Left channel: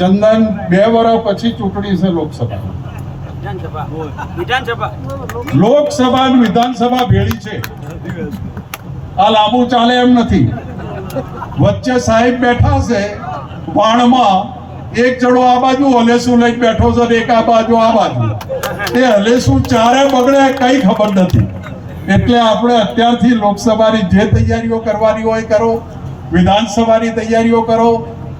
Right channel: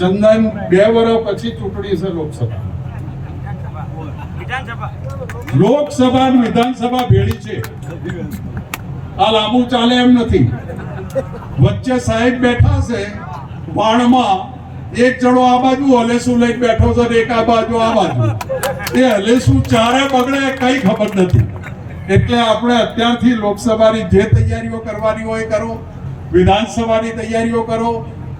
ચંદન બે વર્ષ પછી ચૂંટણી છે લોકસભા લોકસભા વિધાનસભા ભેળી છે આ લાંબુ ચાલે એમ નથી વચ્ચે સાહેબ બેઠા છે વાણમાં એક જણો આ બાજુ હલેસું લઈ બેઠો છે એક આ બાજુ આ બાજુ એ હલેસુ ચારે બગડે કઈ ખબર નથી એટલે આપણે અત્યારથી લોકસભાની જે તૈયારીઓ કરવાની હોય કરો વિધાનસભાની તૈયારીઓ કરો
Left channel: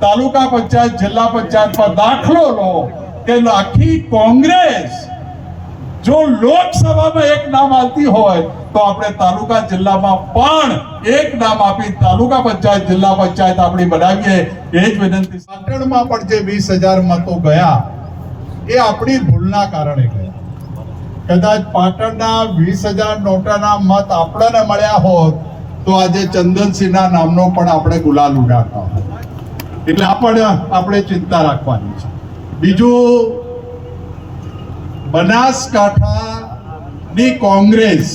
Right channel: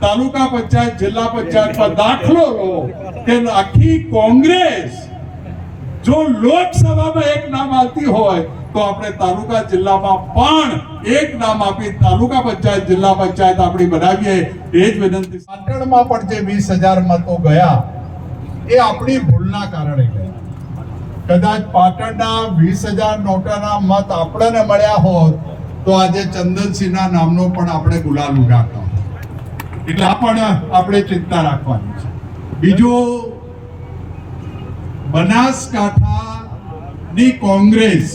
તાલુકા પંચાયત જિલ્લા પંચાયત પંચાયતમાં દાખલો લો કે આખી કોંગ્રેસ જો લોકસભામાં એક નામ આવતી હોય તો આપણે તાલુકા જિલ્લામાં પણ એક નામ આપી તાલુકા પંચાયત જિલ્લા પંચાયત આપણી બનાવીએ એ જ વિનંતી પાટણમાં પણ જે વીસ હજાર મતો ગયા એ આપણી ભૂલના કારણે ગયા કદાચ પાટણના વીસ હજાર નોટાના મત આપણને મળ્યા હોત તો આજે ચંદનસિંહના નામનો પણ આપણે ગુલાલ ઉડાડતા હોત એટલે આ પણ આપણે ચિંતા રાખવાની છે બીજું બનાસકાંઠાની કોંગ્રેસ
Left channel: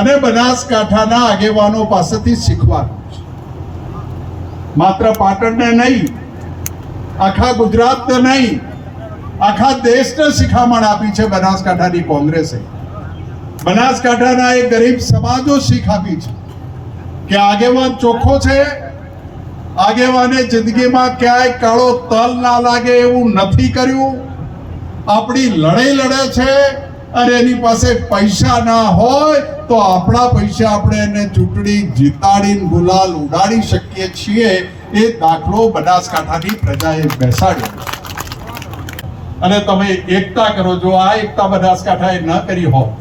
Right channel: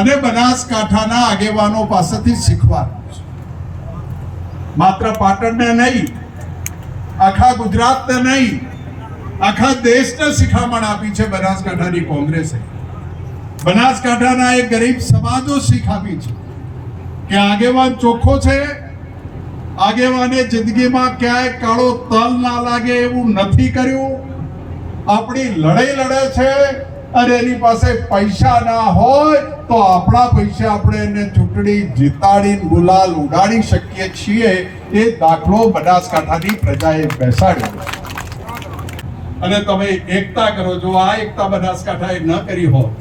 અને બનાસકાંઠાના આગેવાનો પાસેથી શીખવાનું છે માત્ર પાટણને નહીં આખા ગુજરાતને નહીં આખા દેશને શિખામણ આપી છે બનાસકાંઠાની કોંગ્રેસે બનાસકાંઠાના એ ગરીબ સમાજો શીખ આપી છે કે આગેવાન ચોખ્ખો છે આગેવાને જિંદગીમાં ક્યાંય કાળો તલ ના લાગે એવું નથી કર્યું આપણી લડાઈ લડે છે અને એની પાસે પૈસા ના હોય તો આપણા પૈસા આપણે એને ચૂંટણી જીતાડીને ગુલાલ ઉડાડી શકીએ છીએ એ દાખલો બનાસકાંઠાની પ્રજાએ બેસાડ્યો અને તમે એકતા કરો જો આ એકતા બનાસકાંઠાએ ન કરી હોત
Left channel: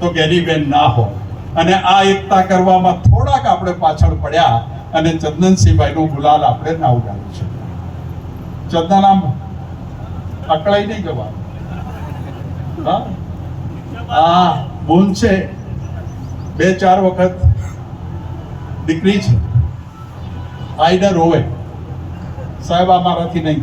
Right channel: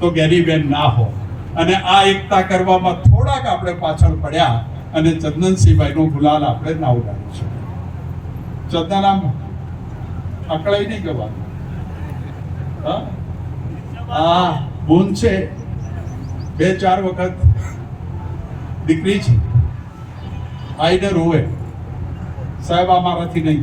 તો ગેરીબેન ના હોત અને આ એકતા કરવામાં થોડાક આપણે પાછળ પડ્યા અને ચંદનસિંહભાઈનો ગુલાલ આપણે ના છે ચંદનામ અકળાઈ નહીં ગવા આ બોન છે બે ચાર વખત દીકરી છે આઈડર હોય સાહેબ આ મારાથી નહીં